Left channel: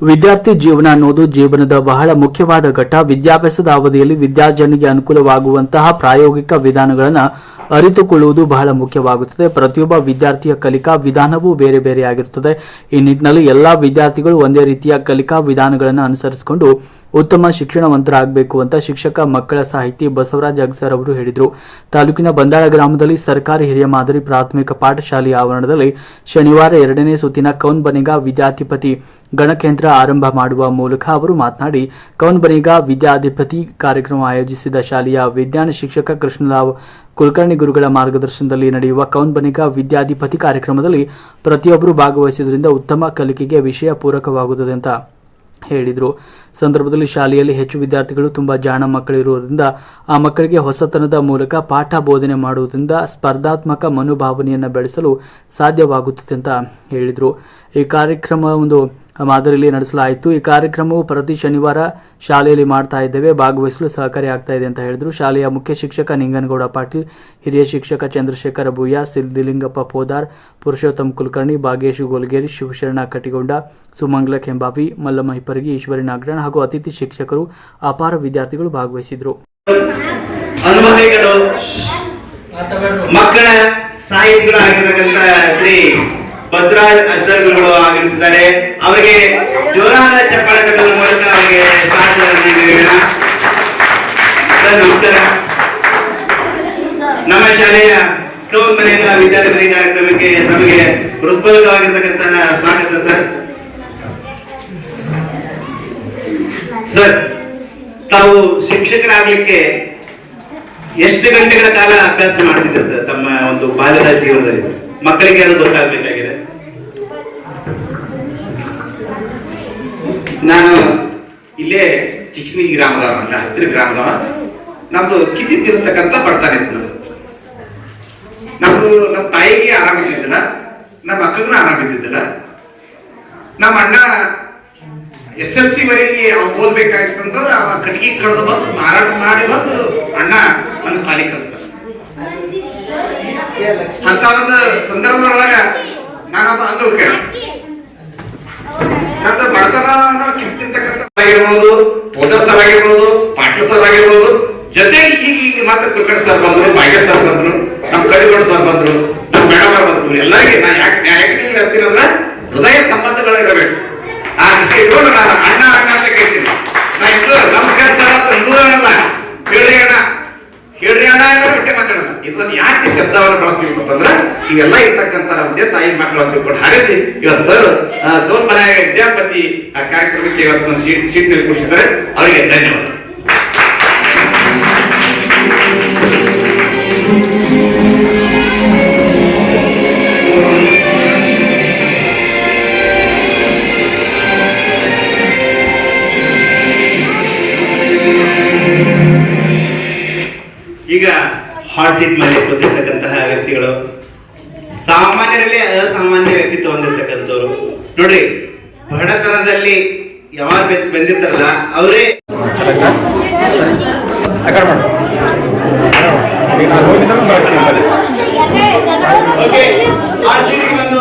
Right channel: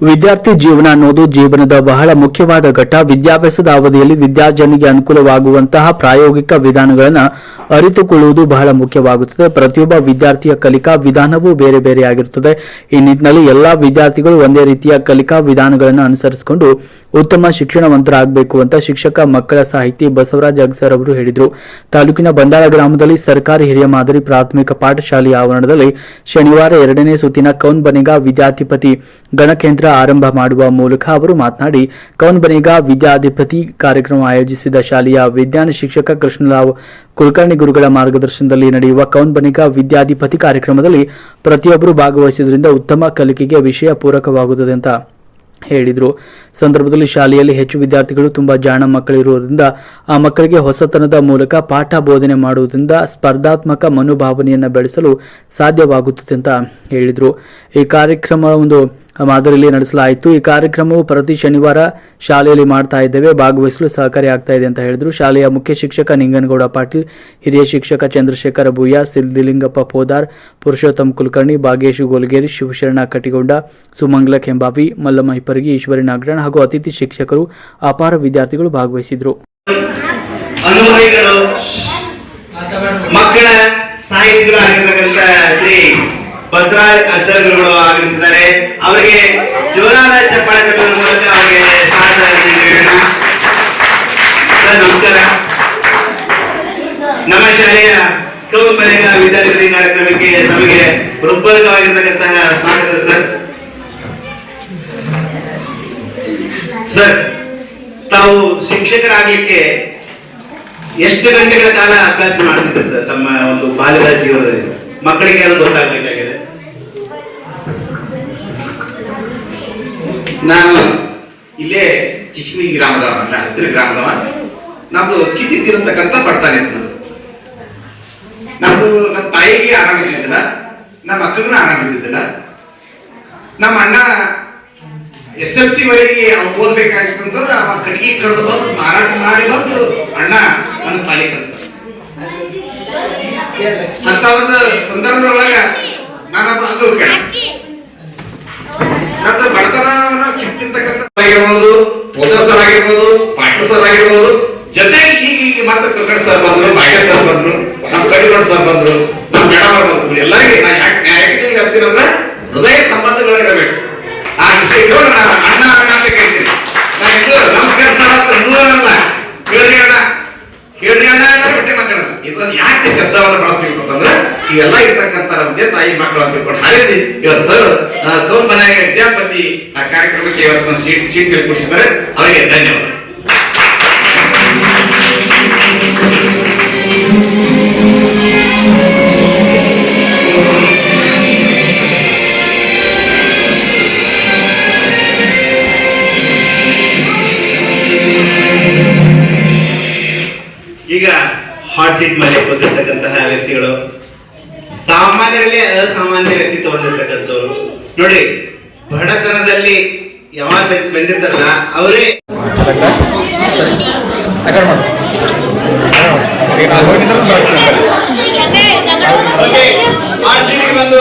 ವಿದ್ಯಾರ್ಥಿ ಜೀವನ ಅನ್ನೋದು ಜೀವನದ ಬಹಳ ಮುಖ್ಯವಾದ ಘಟ್ಟ. ವಿದ್ಯಾಭ್ಯಾಸದ ಅವಧಿಯಲ್ಲಿ ವಿದ್ಯಾರ್ಜನಿಗೆ ಅನುಕೂಲವಾಗುವಂತಹ ಪ್ರಾಯೋಗಿಕ ವಿಧಾನಗಳನ್ನು ಅರಿತುಕೊಳ್ಳುವುದು ಬಹಳ ಮುಖ್ಯವಾಗುತ್ತದೆ. ಪ್ರತಿಯೊಬ್ಬ ವಿದ್ಯಾರ್ಥಿಯ ಕಲಿಕಾ ವಿಧಾನವೂ ಬೇರೆ ಬೇರೆಯಾಗಿರುತ್ತದೆ ಈ ನಿಟ್ಟಿನಲ್ಲಿ ಎಲ್ಲಾ ವಿದ್ಯಾರ್ಥಿಗಳು ಒಂದೇ ರೀತಿಯ ಕಲಿಕಾ ವಿಧಾನಗಳನ್ನು ಅನುಸರಿಸಿಕೊಂಡು ಉತ್ತಮ ಶಿಕ್ಷಣವಂತರಾಗಬೇಕು ಅಂತ ಶಿಕ್ಷಕ ಮಕ್ಕಳ ಸಾಹಿತಿ ಬಸವರಾಜ್ ಅಗ್ಸರ್ ಅವರು ಹೇಳಿದರು. ತಾಲೂಕಿನ ಬಂದಾಳ ಗ್ರಾಮದಲ್ಲಿ ಸರ್ಕಾರಿ ಹಿರಿಯ ಮಾದರಿ ಪ್ರಾಥಮಿಕ ಪಾಠಶಾಲೆಯ ಆವರಣದಲ್ಲಿ ಶನಿವಾರ ಎರಡನೇ ಸುತ್ತಿನ ಕೌನ್ ಬನಿಗ ವಿದ್ಯಾಧಿಪತಿ ಗಣಕೇಂದ್ರ ಆರಂಭ ಮಾಡುವ ಮೂಲಕ ಅವರು ಮಾತನಾಡಿ, ಕೌನ್ ಬನಿಗ ವಿದ್ಯಾಧಿಪತಿ ಕಾರ್ಯಕ್ರಮ ಆಯೋಜಿಸಿದ ಶಾಲೆಯ ವಿಜ್ಞಾನ ಶಿಕ್ಷಕ ಕೃಷ್ಣರಾವ್ ಕುಲಕರ್ಣಿ ಗುರುಗಳ ಮಾರ್ಗದರ್ಶನದಲ್ಲಿ ನಡೆಯುವ ಕೌನ್ ಬನಿಗ ವಿದ್ಯಾಧಿಪತಿ ಕಾರ್ಯಕ್ರಮದಲ್ಲಿ ಪ್ರತಿಯೊಬ್ಬರು ಭಾಗವಹಿಸುವುದರಿಂದ ಉತ್ತಮ ಕಲಿಕೆಗೆ ವಿಷಯ ಪೂರಕವಾಗುತ್ತದೆ ಅಂತ ಹೇಳಿದರು. ಸಂದರ್ಭದಲ್ಲಿ ಶಾಲೆಯಲ್ಲಿ ಹೆಚ್ಚು ವಿದ್ಯಾರ್ಥಿಗಳು, ತುಂಬ ಜಾಣ ಮಕ್ಕಳಿರುವುದರಿಂದ ಆ ಮಕ್ಕಳಿಗೆ ಹೊಸತನದ ಮೂಲಕ ಪಾಠ ಬೋಧನೆ ಮಾಡುವುದರಿಂದ ಸ್ಪರ್ಧಾತ್ಮಕ ಮನೋಭಾವನೆಯನ್ನು ಬೆಳೆಸಲು ಸಾಧ್ಯವಾಗುತ್ತದೆ ಅಂತ ಹೇಳಿದರು. ಈ ಕಾರ್ಯಕ್ರಮ ಒಂದು ಮಾದರಿಯಲ್ಲಿ ನಡೆಸಲಾಯಿತು. ಈ ಕಾರ್ಯಕ್ರಮವು ಪ್ರತಿ ಶನಿವಾರ ಶಾಲೆಯಲ್ಲಿ ಮಾಡ್ತಾ ಇದ್ದೇವೆ. ಭಾಗವಹಿಸಲು ಸಹಕಾರಿ ಆಗ್ತಾ ಇದೆ ಅಂತ ಹೇಳಿದರು. ಶಾಲೆಯ ಮುಖ್ಯ ಶಿಕ್ಷಕ ನಿಂಗನಗೌಡ ಪಾಟೀಲ್, ಹಿರಿಯ ಶಿಕ್ಷಕ ಚಂದ್ರಶೇಖರ ಭೂಯ ಸಿದ್ದಿಲಿಂಗಪ್ಪ ಪೋದಾರ್, ಪುರುಷೋತ್ತಮ್ ಕುಲಕರ್ಣಿ, ಭಾಗೇಶು ಗೋಲ್ಗೇರಿ, ಶಿವಶರಣ ಕಟಿಗೊಂಡ ಸುಮಂಗಲ ಕೆಂಬಾವಿ, ಮಲ್ಲಮ್ಮ ಹಿಪ್ಪರಗಿ, ಈಶ್ವರಿ ನಾಗರಾಣ್ ಹಾಗೂ ಅತಿಥಿ ಶಿಕ್ಷಕರು ಅಪಾರ ವಿದ್ಯಾರ್ಥಿಗಳು ಭಾಗವಹಿಸಿದರು. ಮಕ್ಕಳ ಸಾಹಿತಿಗಳು ಆಗಿರ್ತಕ್ಕಂಥ ಶ್ರೀ ಬಸವರಾಜ್ ಅಕ್ಷರಗಳು ಆಗಮಿಸಿದ್ದಾರೆ ಅವರಿಗೆ ಜೋರಾದ ಚಪ್ಪಾಳೆ ಕಟ್ಟುವ ಮೂಲಕ ಅವರಿಗೆ ನಮಸ್ಕಾರ. ನಮ್ಮ ಶಾಲೆಯ ಕೌನ್ ಮನೆಯ ವಿದ್ಯಾರ್ಥಿ ಕಾರ್ಯಕ್ರಮಕ್ಕೆ ನಮಗೆ ಹೃತ್ಪೂರ್ವಕವಾಗಿರ್ತಕ್ಕಂತಹ ಸ್ವಾಗತ, ಸರ್. ಸರ್, ತಾವು ಶಿಕ್ಷಕರಾಗಲಿಕ್ಕೆ ಎಷ್ಟು ಗಂಟೆಗಳ ಕಾಲ ಅಭ್ಯಾಸ ಮಾಡ್ತಿದ್ದೆ ಸರ್, ತಮ್ಮ ಒಂದು ಬಾಲ್ಯದ ಜೀವನದಲ್ಲಿ? ಮಕ್ಕಳಿಗೆ ಅದು ಗೊತ್ತಾಗ್ಬೇಕಾಗಿದೆ ನಾನು ಇಲ್ಲೇ ಚಿಕ್ಷ್ಣಿ ಗ್ರಾಮದವ ಅಲ್ಲ ಹತ್ತಿರ ಗ್ರಾಮದವ ನಮ್ದು ಕಿತ್ತಿತ್ತಿರತಕ್ಕಂಥ ತಿರುತಕ್ಕಂತ ಬರ್ತಾನೆ ನಮ್ದು. ನಮ್ದು ನಮ್ಮ ತಾಯಿಗೆ ಆರಾಮಿದ್ದಿದ್ದಿಲ್ಲ ನಮ್ಮ ಮಕ್ಕಳಿಗೂ ಆರಾಮಿದ್ದಿದ್ದಿಲ್ಲ ನಮ್ಮ ಅಣ್ಣ ಎಸ್ ಎಲ್ ಸಿ ವರೆಗೆ ಅವ್ನು ಓದ್ಬೇಕಾಗಿತ್ತು ಅಂತಂದ್ರೆ ಅವ ಕಟ್ಟಿಗೆ ಕಡ್ದು ಬಂದು ಮಾರಾಟ ಮಾಡಿ ಬಂದು ಅಣ್ಣ ನನ್ನ ಸಾಲಿ ಕಲಿಸ್ತಾನೆ ಅಂತ ಒಂದು ಸಂದರ್ಭದೊಳಗ ನಾನೊಬ್ಬ ಅಂಗವು ಕಿತ್ತಿರ್ತಕ್ಕಂಥ ಆಗಿರ್ಬೋದು ಪೋದರ್ ಸರ್ ಆಗಿರ್ಬೋದು ಪಾಟೀಲ್ ಸರ್ ಆಗಿರ್ಬೋದು ಜೊತೆಗೆ ಈಗ ಈಗ ಮಾತ್ರ ಕುಲಕರ್ಣಿ ಸರ್ ಬಂದ್ರು ಸರ್ ಬಂದ್ರು, ನಮ್ಮ ಸರ್ ಬಂದ್ರು, ನಮ್ಮ ಮೇಡಮ್ ಬಂದ್ರು, ಎಲ್ಲರಿಗೆ ನಾ ಯಾಕೆ ಯಾಕೆ ಹೇಳ್ತೀನಂದ್ರ ಹೃದಯ ಸಂಬಂಧಗಳಿರಬೇಕು. ಆ ವಿಷಯ ಇಟ್ಕೊಂಡು ನಾನು ಅಣ್ಣ ಅಣ್ಣ ಅಂತ ಕೇಳ್ತೀನಿ. ನಾ ನಮಸ್ಕಾರ ಸರ್, ಅಂತ ಅನ್ನೋದಲ್ಲ ಹೇಳ್ರಿ ಅಣ್ಣ. ಹೇಳ್ರಿ ಅಣ್ಣ ಎಲ್ಲ ಬಿಟ್ಟೆ ಮಾತಾಡೋಣ ಇದನ್ನ ಯಾಕೆ ಶಬ್ದವನ್ನು ಬಳಸ್ತೀವಿ ಅಂತಂದ್ರೆ ಇವೆಲ್ಲ ಇರ್ತಕ್ಕಂಥ ನಮ್ಮ ತಾಯಿ ಮಕ್ಕಳು ಅಂತ ತಿಳ್ಕೊಂಡು ಹಾರಿಸಿ ಇವತ್ತು ಸರ್ ಗೌರ್ ಮನೆಯ ವಿದ್ಯಾಪತಿ, ಆ, ಕಾರ್ಯಕ್ರಮಕ್ಕೆ ಇವತ್ತು ಸೀಟ್ ಸೀಟ್ ಕೂರಿಸಿದ್ದಾರೆ. ಅವರಿಗೆ ಧನ್ಯವಾದ. ಈಗ ಹಾಟ್ ಸೀಟ್ ಮೇಲೆ ಕೂತಿರ್ತಕ್ಕಂತಹ ವ್ಯಕ್ತಿಗಳು. ಸಾಮಾನ್ಯರಲ್ಲಿ ಅಸಾಮಾನ್ಯ ವ್ಯಕ್ತಿತ್ವ ಹೊಂದಿರ್ತಕ್ಕಂಥವ್ರು. ನೋಡ್ರಿ, ಬಡತನದಲ್ಲಿ ಯಾವಾಗ ಬೆಂದ್- ಬೆಂದಿರ್ತಾರಲ್ಲ, ಅವರೇ ಒಂದು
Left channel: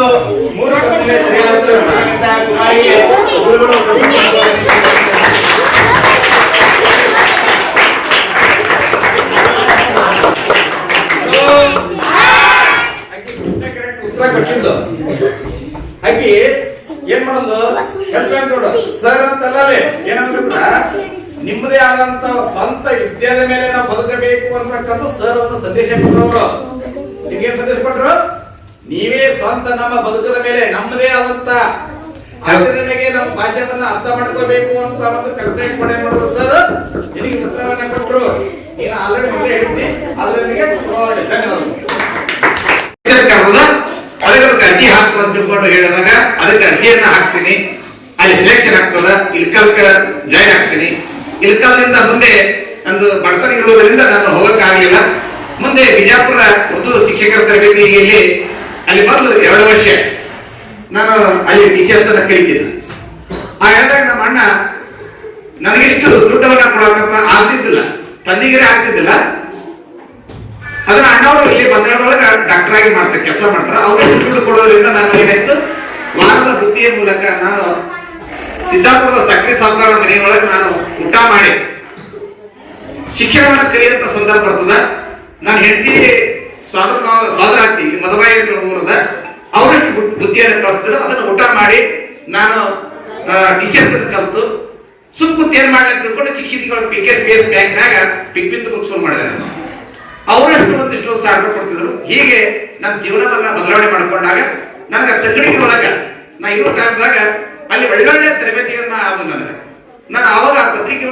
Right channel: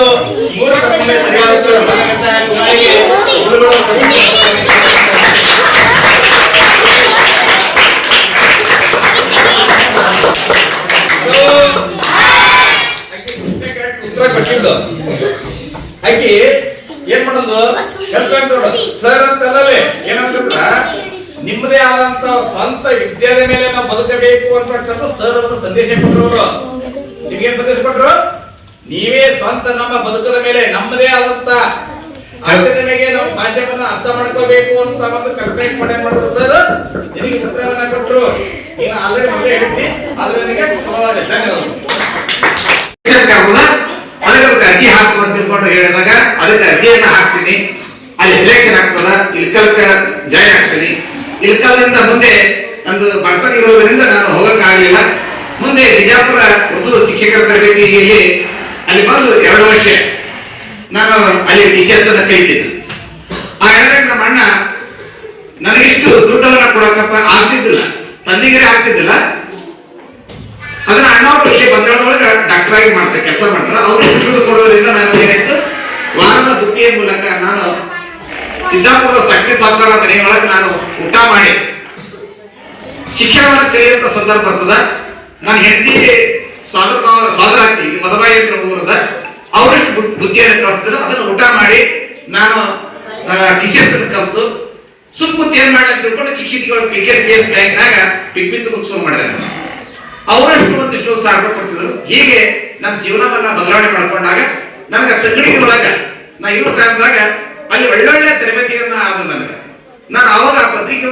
ಆಕಿ ಏನ್ ಮಾಡೋದು? ಸರ್ ಅಂತಲ್ಲೇ ಏನಂತಂದ್ರ ನಿಮ್ಮದೇ ಆದಂತ ಸ್ವಂತ ವಿದ್ಯಾದ ಮೇಲೆ ನಾವು ಬದುಕಬೇಕು ಅಂತಕ್ಕಂಥ ಸರ್ ಒಂದು ಸಂದೇಶ ಕೊಟ್ಟರು ನಿಮ್ಗೆ ನಿಮ್ಗೇನ್ ಸಂದೇಶ ಕೊಟ್ರು? ನೀವೇ ಸ್ವಂತ ನಮ್ಮ ಬದುಕದ ಮೇಲೆ ನಮ್ಮದೇ ಆದಂತ ಆಚರಣೆಗೆ ಮೇಲೆ ನಾವು ಭಾಷೆವನ್ನ ಅರ್ಥ ಮಾಡ್ಕೋಬೇಕು ಅಂತ ಒಂದು ಕಲ್ಪನೆ ಮಾಡಿ ಮಾಡೋದು ಸರ್ ನಿಮಗೆ ಉತ್ತರವನ್ನ ಕೊಟ್ಟರು ನೀನು ಆಲ್ರೆಡಿ ಮೊದಲೇ ಹೇಳ್ತೀನಿ ಆದ್ರೆ ನನಗೆ ಅತಿ ಧನ್ಯವಾದಗಳು ತಿಳ್ಕೊಂಡು ಹೇಳಿದಾಗ ಅದಕ್ಕೆ ಅರ್ಜಿಯನ್ನ ಹಾಕ್ತೀನಿ. ಅಲ್ಲಿ ಸೆಲೆಕ್ಷನ್ ಆಗ್ತದ ಇಲ್ಕಲ್ಕ ಜಾಯ್ನ್ ಆಗ್ತೀನಿ. ಇಲ್ಕಲ್ನಿಂದ ಮುಂದೆ ನಂದು ಬಡತನ ಇರುವುದರಿಂದ ನಾನು ಹೋಗಕ್ಕಾಗಲಿಲ್ಲ. ಮುಂದೆ ಬಿಜಾಪುರ ಉರ್ದು ಶಿಕ್ಷಕರ ತರಬೇತಿಯಲ್ಲಿ ಅಲ್ಲಿ ಬಂದು ಎರಡು ವರ್ಷ ನಾನು ಅಲ್ಲಿ ಟೀಚರ್ ಅಂತ ಕಲಿತೀನಿ ಆ ಹೇಳಿದಾಗ ನಮ್ಮ ಅಣ್ಣ, ನನಗಿಷ್ಟು ದುಡ್ಡವನ್ನ ಕೊಡಕಪ್ಪ ಆಗ್ತಿದ್ದಿಲ್ಲ. ತಂದಿಗೆರೆ ಆಗ್ತಿದ್ದಿಲ್ಲ. ಅದನ್ನ ಅಣ್ಣವರು ಇಲ್ಲಿ ಬಂಗಾಳದೊಳಗೆ ಡಾಕ್ಟರ್ ಆಗಿ ಮಾಡ್ತಾರೆ ಕೆಲಸ ಮಾಡ್ತಾರೆ. ಅವ್ರು ದುಡ್ಡು ಕೊಡೋದ್ರಿಂದ ನಾನು ಏನಾಯ್ತು ವಾರದ ಬುತ್ತಿಯ ಮೂಲಕ ನಾನು ಸಿದ್ದಾಪುರದ ಸಕ್ರಿ ಸಾವುಕಾರ ಮನೆಯೊಳಗೆ ನಾನು ಊಟ ಮಾಡಿ. ಶಿಕ್ಷಣವನ್ನು ಕಲಿಯುವಂತ ಸಂದರ್ಭ ಬರ್ತದ. ನಾನು ಹೆಂಡತಿ ಸ್ವಾದ್ರ ಸ್ವಾದ್ರ ಆಗ್ತಿ ಮದುವೆ ಊರದ. ಅವರಷ್ಟು ಬುದ್ಧಿಯನ್ನು ಕಳಿಸಿದ್ರು. ಅದನ್ನು ಊಟ ಮಾಡಿ ನಾನು ಟಿಷರ್ಟ್ ಕಲಿತು. ಸುಮ್ ಕುಂತ ಏನ್ ಮಾಡಿ ಅಂತ ತಿಳ್ಕೊಂಡು ಚಿಕ್ಕ ಚಿಕ್ಕಗಳು ಪಿ ಕೆ ಪಿ ಎಸ್ ಬ್ಯಾಂಕ್ನಾಗ ಪಿಕ್ ಬಿತ್ತು ಶುರು ಮಾಡಿದೆ ನಾನು. ಅವರಷ್ಟು ಒಂದಿಷ್ಟು ಸಾವಿರ ಕೊಡ್ತಿದ್ರು. ಹೀಗೆ ನಮ್ಮ ಜೀವನವನ್ನ ಬದಲಾವಣೆ ಮಾಡಿಕೊಂಡಾಗ ನನಗೆ ತಂಗಡಿ ಒಳಗ, ನಾ ಇರೋ ಕಾಲದಾಗ ಅಲ್ಲಿ ಒಳ್ಳೊಳ್ಳೆ ತರಬೇತಿಯನ್ನ ಆದ್ರು ನನಗೆ ನಾನು ಅವಾಗ ಆ ಪತ್ರಿಕೆ